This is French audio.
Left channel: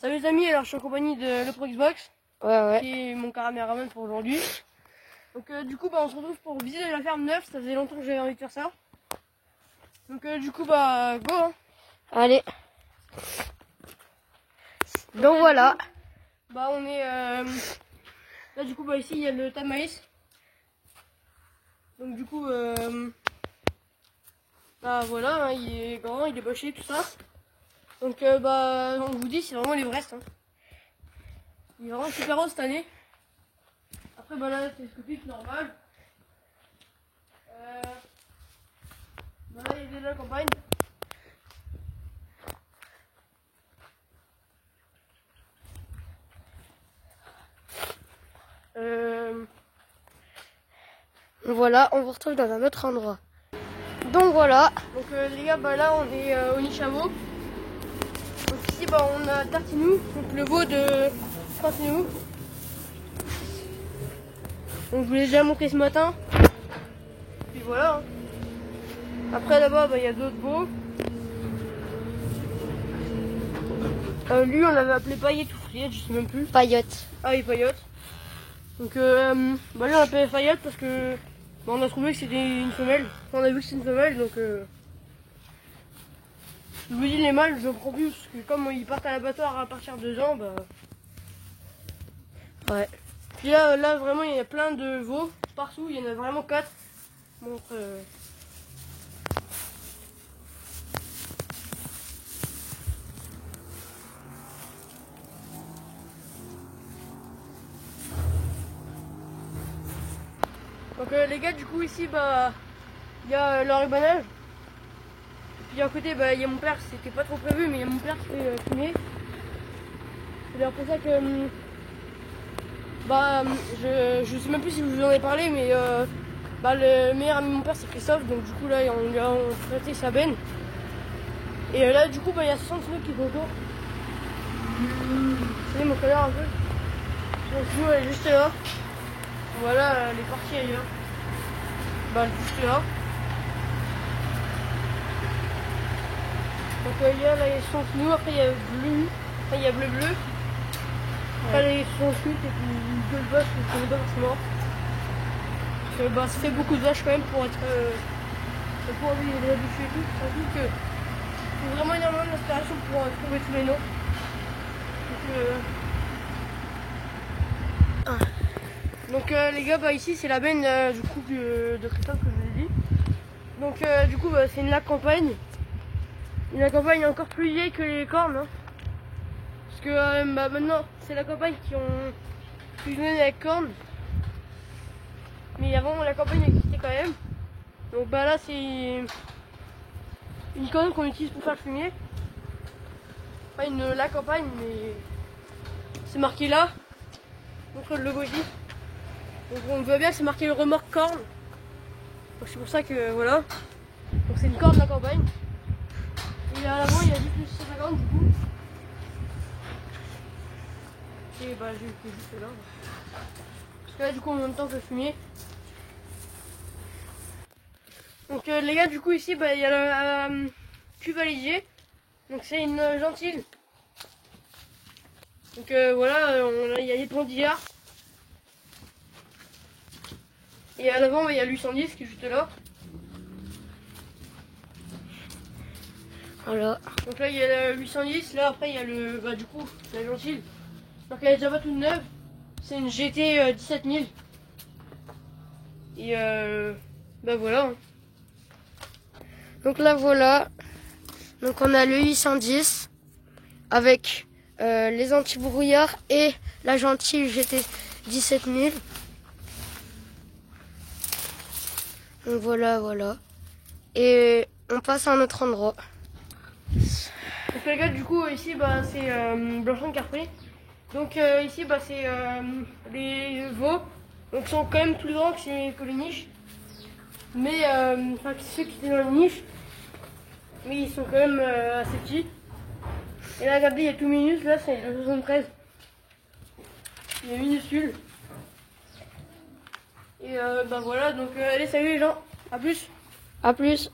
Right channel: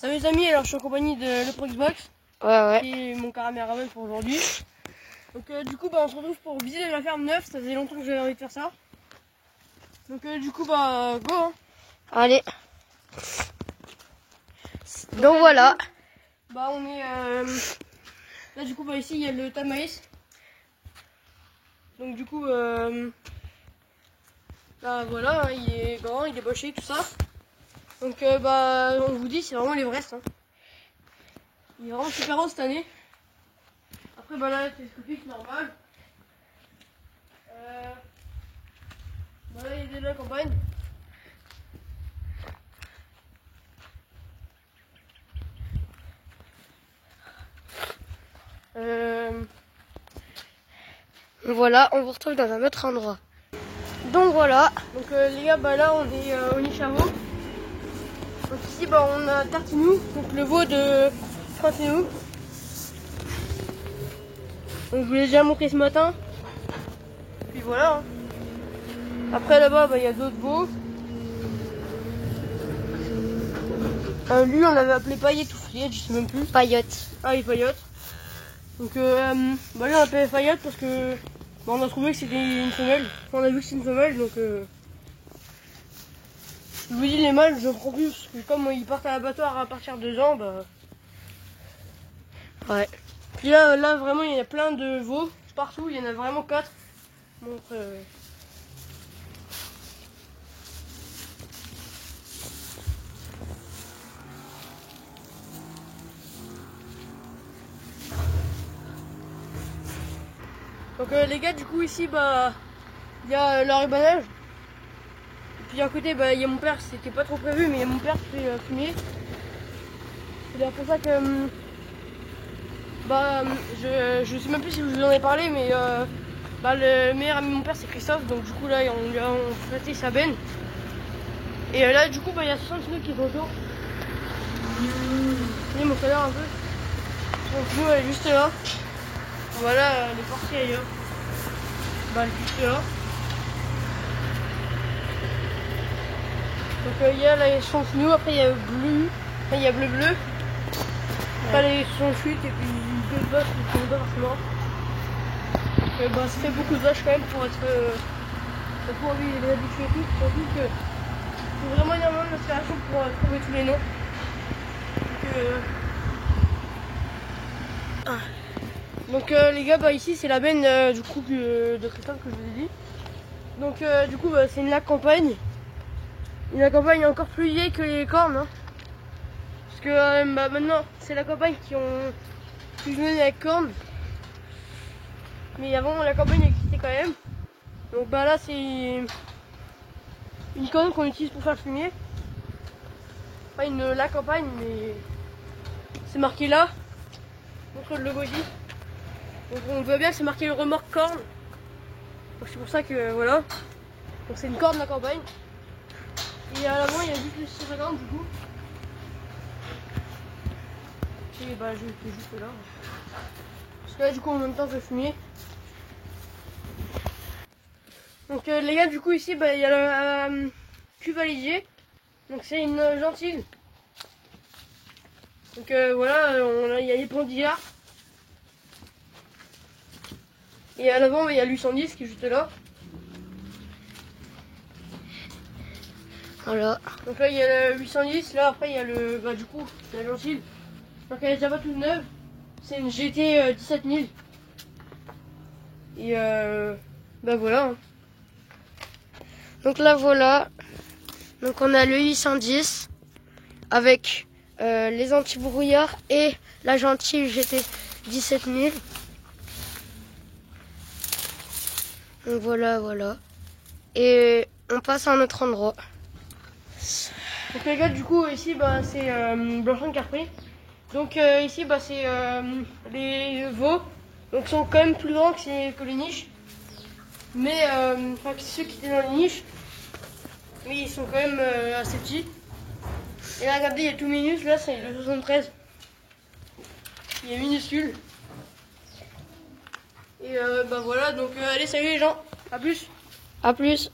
Salut les amis, alors je suis en compagnie de le Xbox, qui est mon caméraman pour aujourd'hui. Donc du coup on se retrouve pour visiter la ferme neuve, ça faisait longtemps que j'avais envie de faire ça. Donc du coup go hein. Allez. Donc voilà. On est là du coup ici il y a le tas de maïs. Donc du coup voilà, hein, il est grand, il est boché, tout ça. Donc on vous dit c'est vraiment l'Everest. Hein. Il est vraiment super haut cette année. Après là télescopique normal. Là il est de la campagne. Voilà, on vous retrouve dans un autre endroit. Donc voilà. Donc les gars, là on est au Nichamo. Donc ici on a Tartinou, donc le veau de Tartinou. Donc je vous l'ai déjà montré ce matin. Puis voilà. Hein. Après là-bas il y a d'autres veaux. Lui on l'avait appelé Paillette, je sais même plus. Paillotte. Ah oui, Paillotte. Donc là on l'appelait Paillotte parce que on a trouvé que c'était une femelle. Enfin, on a vu que c'est une femelle donc je vous dis les mâles je ne prends plus parce que comme ils partent à l'abattoir à partir de 2 ans Ouais. Puis là vraiment il y a plein de veaux partout, il y en a vraiment 4. Donc les gars du coup ici il y a leur rubanage. Et puis à côté il y a mon père, c'était pas trop prévu mais mon père s'est fumier. C'est d'ailleurs pour ça que je sais même plus si je vous en ai parlé mais le meilleur ami de mon père c'est Christophe, donc du coup là on lui a prêté sa benne. Et là du coup il y a 60 nœuds qui sont autour. Voyez mon canard un peu. Donc nous elle est juste là. Voilà les parties ailleurs. Elle est juste là. Donc il y a là son nous, après il y a bleu, après il y a bleu. Après les son chute et puis d'autres vaches qui sont pas forcément. Ça fait beaucoup de vaches quand même pour être pour lui les habitués et tout. Surtout que c'est vraiment énormément d'inspiration pour trouver tous les noms. Donc les gars ici c'est la benne du couple de Christophe que je vous ai dit. Donc du coup c'est une lac campagne. Une campagne encore plus vieille que les cornes. Hein. Parce que maintenant c'est la campagne qui ont fusionné avec cornes. Mais avant la campagne existait quand même. Donc là c'est une corne qu'on utilise pour faire le fumier. Pas la campagne mais c'est marqué là. Contre le logo ici. Donc on voit bien que c'est marqué le remorque corne. Donc c'est pour ça que voilà. Donc c'est une corne de la campagne. Et à l'avant il y a juste le 650 du coup. Et je vais juste là. Parce que là du coup en même temps que le fumier. Donc les gars du coup ici il y a le cuvalier. Donc c'est une gentille. Donc voilà, il y a les pendillard. Et à l'avant il y a l'810 qui est juste là. Voilà. Donc là il y a le 810, là après il y a le du coup la gentille. Donc elle est déjà pas toute neuve. C'est une GT 17000. Et voilà. Hein. Donc là voilà. Donc on a le 810 avec les anti-brouillards et la gentille GT 17000. Donc voilà. Et on passe à un autre endroit. Donc les gars du coup ici c'est Blanchon Carpré. Donc ici c'est les veaux. Donc ils sont quand même plus grands que les niches. Mais enfin que ceux qui étaient dans les niches. Mais ils sont quand même assez petits. Et là regardez il y a tout minus, là c'est le 73. Il est minuscule. Et voilà donc allez salut les gens, à plus. À plus.